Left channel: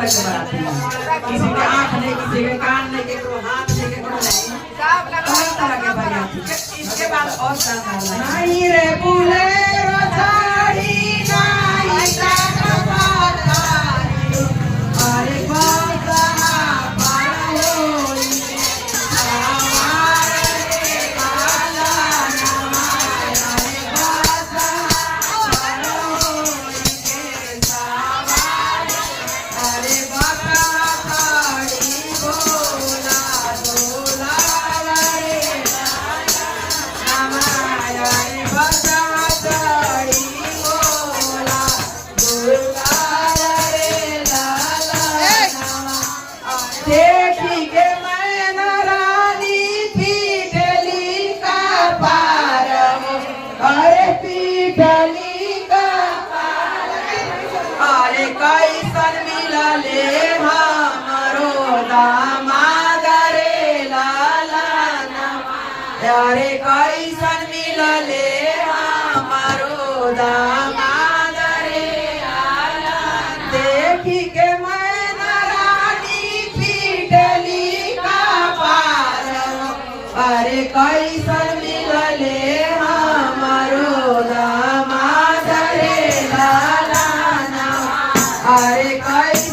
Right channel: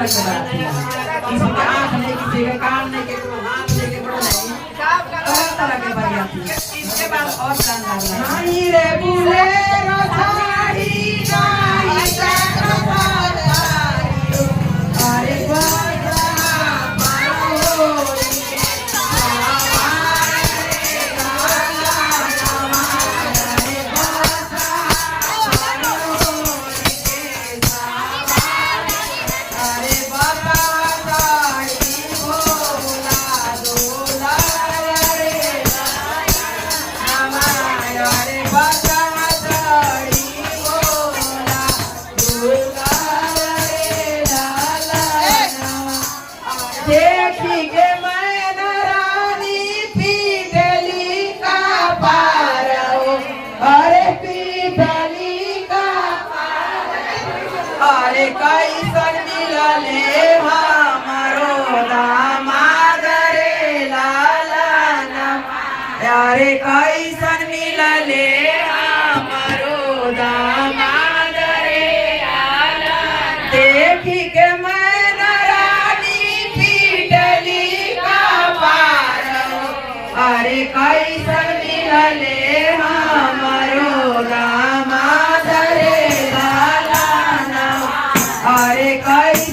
के बराती किसी के आँख नहीं, किसी के कान नहीं, किसी के हाथ नहीं, किसी को नहीं, सब तरह के बराती। इसके बाद और शानदार नहीं रे बुलेरो साड़ी नहीं सकपारी अरे बाबा बारोई हमारे काला हमारे बाबा बारोई के सावा अरे बाबा साड़ी बोला डोला रे हमारा रे बाबा साड़ी बोला डोला रे लाला देखी के मैं रानी पीटली का पार अरे पीटली का पार अरे कैसन मिलले हमारो दामाद रे लाला अरे कैसन मिलले हमारो दामाद रे लाला देखी के मैं रानी पीटली का पार अरे कैसन मिलले हमारो दामाद रे लाला अरे कैसन